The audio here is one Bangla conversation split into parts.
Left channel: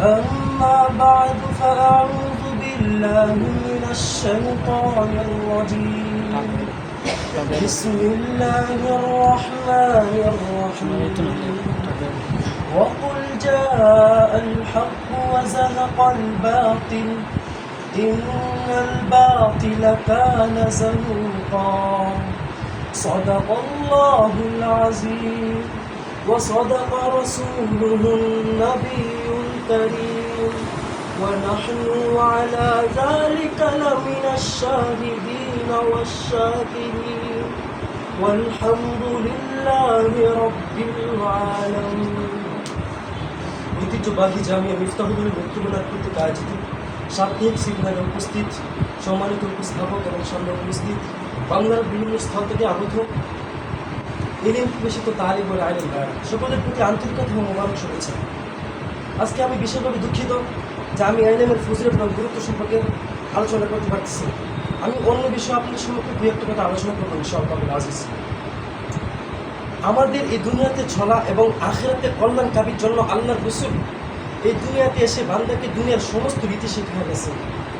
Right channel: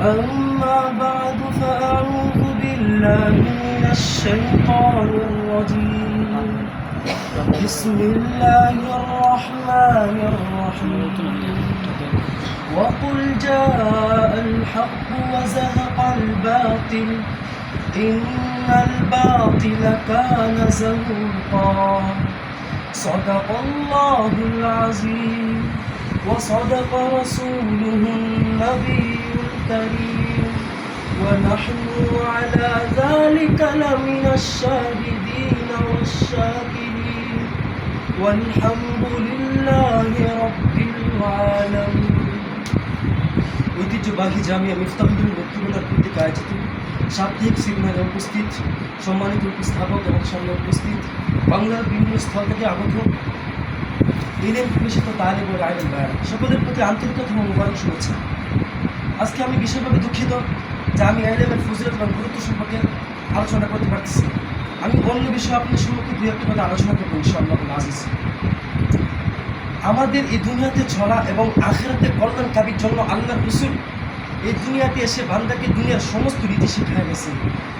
أما بعد فأعوذ بالله من الشيطان الرجيم. بسم الله الرحمن الرحيم. وقل جاء الحق وزهق الباطل. إن الباطل كان زهوقا. صدق الله العظيم. وصدق رسوله النبي. الكريم ونحن على ذلك لمن الشاهدين والشاكرين والحمد لله رب العالمين ঐতিহ্যবাহী জামিয়া মিফতাহুল বক্তব্যনাথ কর্তৃক আয়োজিত সাপ্তাহিক সিগন্যালে উপস্থিত সম্মানিত উপস্থাপক এবং সামনে উপস্থিত বাংলার বিভিন্ন স্থল থেকে আগত এলেন প্রবেশিত তালিম ও রাইডেল ভাইয়া সকলের প্রতি আন্তরিকতা ও মোবারক শুনেছে আজকে আমি বিশেষভাবে দুঃখিত যে আমি আইলেমের ফজিলত এবং গুরুত্ব সম্পর্কে আলোচনা করতে পারতেছি। আমি অন্য বিষয়ে আপনার সম্মুখে দু একটা কথা আলোচনা করব ইনশাআল্লাহ আজিজ আমাদের এই দুনিয়াতে ছড়া এবং আখেরাতে কল্যাণ কাবির জন্য আল্লাহর রসুল এই দুনিয়াতে এসে বান্দাকে দুনিয়ার সমস্ত রীতি শিক্ষা গেছে।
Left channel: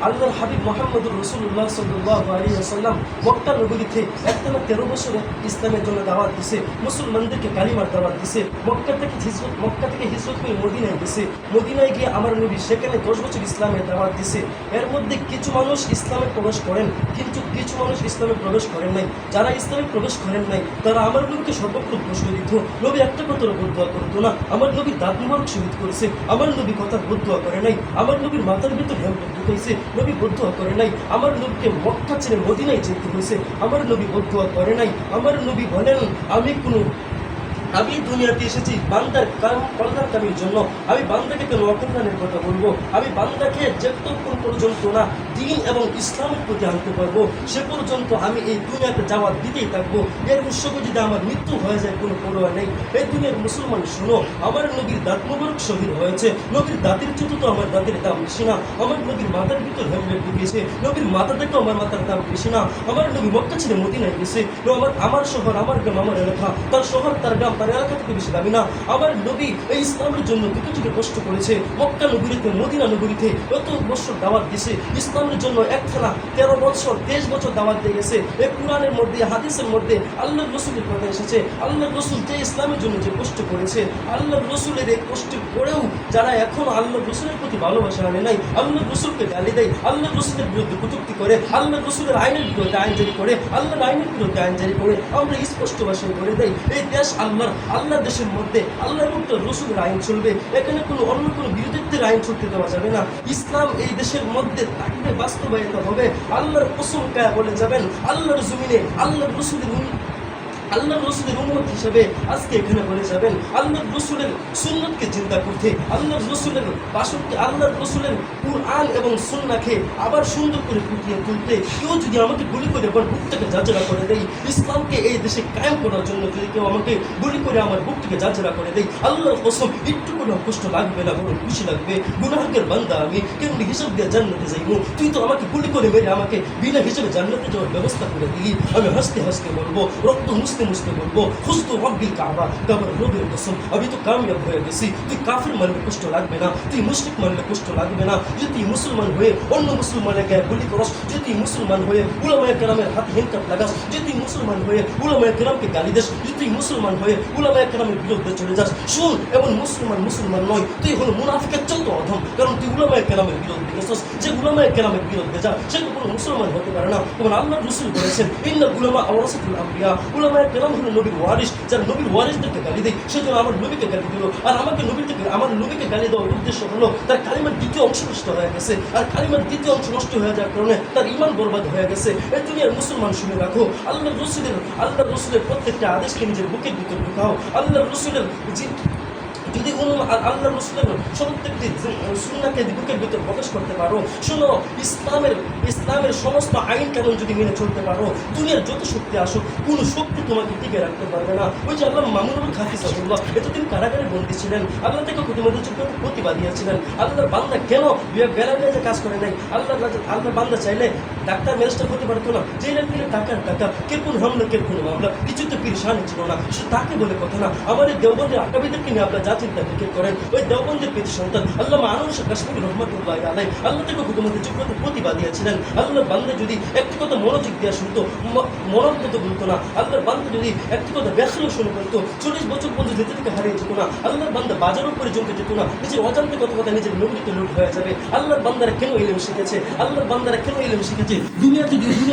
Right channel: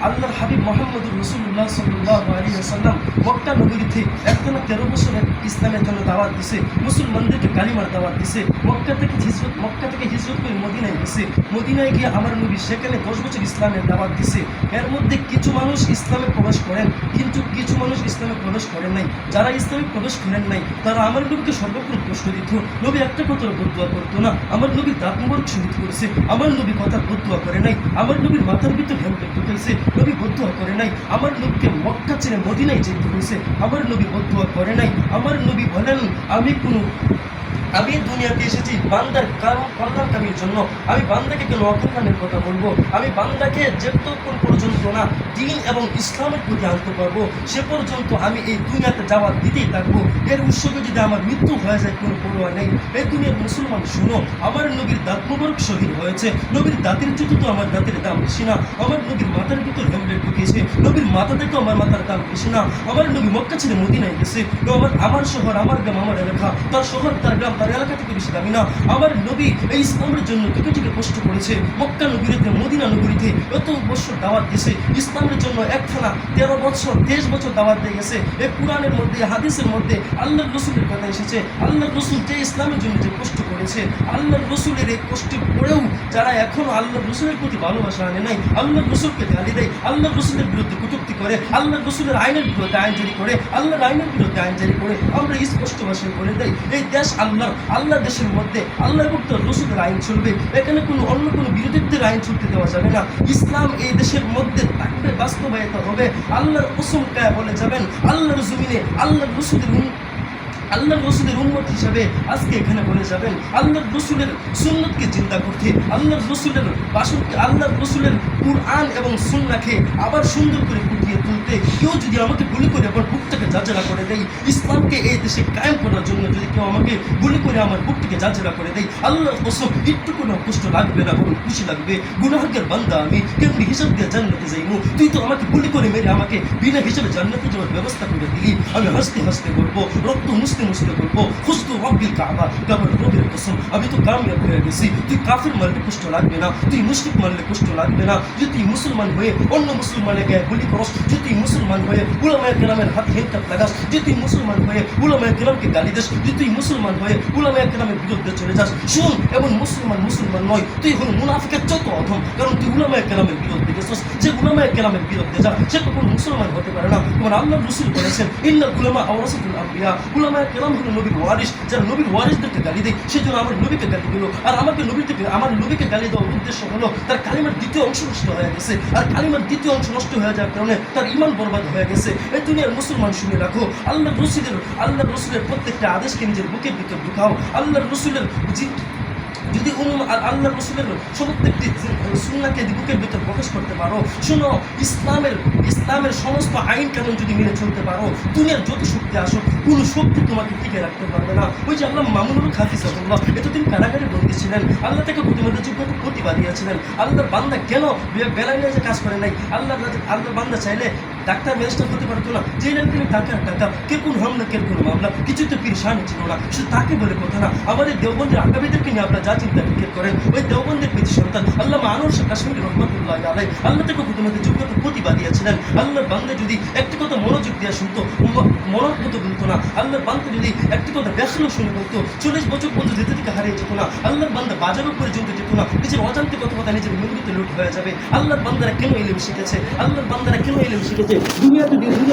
আল্লাহর হাবিব মোহাম্মদুর রসুল্লাহ সাল্লাহ আলী আসাল্লাম মক্কা নগরীতে একটানা তেরো বছর ইসলামের জন্য দাওয়াত দিছে, মুসলমানদেরকে কালিমার দাওয়াত দিছে, মক্কা থেকে হিজরত মক্কা থেকে হিজরত করে মদিনায় দিছে মদিনায় গিয়ে আমার নবী সেখানে দশ বছর ইসলামের দাওয়াত দিছে। এর মধ্যে কিছু মানুষ ইসলামে প্রবেশ করেন, কিন্তু কিছু মানুষ ইসলামে প্রবেশ করেন নাই। যারা ইসলামে প্রবেশ করেন নাই, তারা আমার নবীকে সর্বপ্রথম প্রশ্ন দিত, নবী, একটা কথা বদুয়া করতো না। আমার নবী দাঁত মুবারক শহীদ করেছে। আমার নবী কথা বদুয়া করে নাই। আমার নবীর মাথার ভিতর হেলমেট ঢুকাইছে নবী বদুয়া করে নাই। আমার নবীকে মক্কা ছেড়ে মদিনায় যেতে হয়েছে আমার নবী বদুয়া করে নাই। আমার নবী বলেন, আমি কোনো আমি দুনিয়াতে এসেছি বান্দার কাম কল্যাণকামীর জন্য। আমি বান্দাকে কেন অকল্যাণের কথা বলব। আমি বান্দাকে যেতক্ষণ পর্যন্ত না দিন এবং ইসলামের প্রতি আনতে পারব সে পর্যন্ত আমি এই দুনিয়াতে যাওয়া দিতেই থাকব। এর উৎসবে যদি আমার মৃত্যু হয়ে যায়, কোনো পড়োয়া নেই। এই দুনিয়ার মুসলমান, শুনো, আমার নবীর দাঁত মুবারক শহীদ হয়েছে। নবীর দাঁতের জুতো তো আমার দাঁতের দাম বেশি না। আমার নবীর মাথার ভিতর হেমলেট ঢুকিয়েছে নবীর মাথা থেকে আমার মাথার দাম বেশি না। আমার নবী মক্কা ছেড়ে মদিনায় গেছে। আমার আমার শহর, আমার গ্রাম, আমার এলাকা। তার শহর, তার গ্রাম, তার এলাকা থেকে বেশি দামি না। আমার নবী এই ইসলামের জন্য থেকে থেকে কষ্ট করেছে। মক্কা নগরীতে, মদিনা নগরীতে এত বছর দাওয়াত দিয়েছে। ইসলামের জন্য এক একখানা তেরো বছর, তেইশ বছর দাওয়াত দিয়ে গেছে। এই কোরআনের মধ্যে হাদিসের মধ্যে আল্লাহ রসুলের কথা এসেছে। আল্লাহ রসুল যে ইসলামের জন্য যে কষ্ট করেছে আল্লাহ রসুলের এই কষ্ট করেও যারা এখন আল্লাহ রসুলের প্রতি ভালোবাসা আনে নাই আল্লাহ রসুলকে গালি দেয় আল্লাহ রসুলের বিরুদ্ধে কটুক্তি করে আল্লাহ রসুলের আইনের বিরুদ্ধে আইন জারি করে, আল্লাহর আইনের বিরুদ্ধে আইন জারি করে আমরা স্পষ্ট ভাষায় করে দেয় এই দেশ আল্লাহর আল্লাহ দেশের মধ্যে আল্লাহ রসুলের আইন চলবে। এখানে কোনো অন্য কোনো বিরোধিত্বের আইন চলতে দেওয়া যাবে না। ইসলাম এই দেশের মধ্যে থাকবে বাস্তবায়িত হবে। আল্লাহর কুসুম কায়া বলে যাবেন, আল্লাহর জমিনে আল্লাহ রসুলের উন- আল্লাহ রসুলের উন্মত হিসাবে আজকে এখানে বলে যাবেন আল্লাহ রসুলের সুন্নতকে চিন্তা করতে আল্লাহ রসুলের বাসনকে আল্লাহ রসুলের কুরআন এবং সুন্নাকে আবার সুন্দর করে ফুটিয়ে তুলতে, কেউ যদি আমাকে গুলি করে আমার বুকটাকে যাচারা করে দেয়, ইসলামকে এই দেশে কায়েম করার জন্য যদি কেউ আমাকে গুলি করে আমার বুকটাকে যাচারা করে দেয়, আল্লাহর কসম একটু কোনো কষ্ট লাগবে না, বরং খুশি লাগবে। গুনাহাগের বান্দা আমি, কেমনি হিসাব দিয়ে জান্নাতে যাইমু? তুই তো আমাকে গুলি করে মেরে আমাকে বিনা হিসেবে জান্নাতে যাওয়ার ব্যবস্থা করে দিলি। আমি হাসতে হাসতে বলব, রক্ত মুছতে মুছতে বলব খুশতো রব্বিল কাবা, কাবার রবের কসম, আমি তো কামিয়াব হয়ে গেছি। তুই কাফির মারলে কষ্ট লাগবে না, তুই মুশরিক মারলে কষ্ট লাগবে না। যদি মুসলমান হয়ে অন্য মুসলমানের গায়ে গুলি করস, যদি মুসলমান হয়ে উলামায়ে কেরামের হাত হেনকাপ লাগাস, যদি মুসলমান হয়ে উলামায়ে কেরামকে গালি দেস, যদি মুসলমান হয়ে উলামায়ে কেরামের বিরুদ্ধে চলে যাস, শোন এবং মুসলমান মুসলমান নয়, তুই হলো মুনাফিকের চৌত অধম। কারণ তুই উলামায়ে কেরামের বিরুদ্ধে গেছস। যে উলামায়ে কেরামের বিরুদ্ধে যা, সে তো কোনো মুসলমান হতে পারে না। তোমার আল্লাহ রসুল বলেছেন, ইন্না উলামা আওরাসাতুল আম্বিয়া। উলামায়ে কেরাম নবীর ওয়ারিস যারা নবীর ওয়ারিসদেরকে গালি দেয় সেজন্য আমার নবীকে গালি দিল। আর আমাকে নবীর থেকে, আমার নবীকে গালি দেওয়ার উদ্দেশ্য হলো, তার কালিমার দ্বিতীয় অংশ নষ্ট হয়ে গেছে। আর কালিমার দ্বিতীয় অংশ নষ্ট হয়ে যাওয়ার কারণে তার ইমান বরবাদ হয়ে গেছে। এই দুনিয়ার মুসলমান শুনে রাখো আল্লাহ রসুলের আল্লাহ রসুলের প্রত্যেকটা আদেশকে নিজের বুকের ভিতর ঢুকাও। আল্লাহ রসুলের যদি কোনো আল্লাহ রসুলের প্রত্যেকটি সুন্নাকে বুকের ভিতর প্রকাশ করতে পারো, শোনো, ইসলামের ইসলামের সমস্ত আইন কানুন যদি মেনে চলতে পারো, দুনিয়ার যত শক্তি আসো কোনো শক্তি তোমাকে টিকে রাখতে পারবে না। ওই যে আল্লাহ মামুনুল হাফিজ আব্দুল্লাহ এতদিন কারাগারে বন্দী ছিলেন, আল্লাহ থেকে প্রতিমধ্যে যুদ্ধ প্রতিবাদ দিয়েছিলেন। আল্লাহর বান্দা কেন বেলা নিয়ে যে কাজ করে নাই? আল্লাহ আল্লাহ বান্দা চাইলে ডাক্তার ম্যাজিস্ট্রেট হতে পারতো না। জেলের দিনে টাকার টাকা কোন হামলা কোন মামলা কিছু তো পিরসানি ছিল না। শুধু তাকে বলে কথা না। আমার এই দেওবন্দের আগামীদেরকে নিয়ে আপনার যা ফিকির করেন ওই দেওবন্দের সন্তান আল্লাহ মানুষ কাশ্মীর রহমতুল্লাহ আলাই আল্লাহ থেকে আল্লাহর যদি একটি কথা মনোযোগ শুনতো বলতো না, আল্লাহর যদি একটি কথা শুনে বলতো, চল্লিশ বছর পর্যন্ত যেতে থেকে হারিয়ে যেত না, আল্লাহর বান্দা বাজারের যেত না, নিজের অজান্তে কথা কথা নিজের মন্দিতে লুট হয়ে যাবে। আল্লাহর বান্দারা কেন এলেম শিখেছে? আল্লাহর বান্দারা কেন এলেম শিখেছে? দুনিয়া যদি দুনিয়ার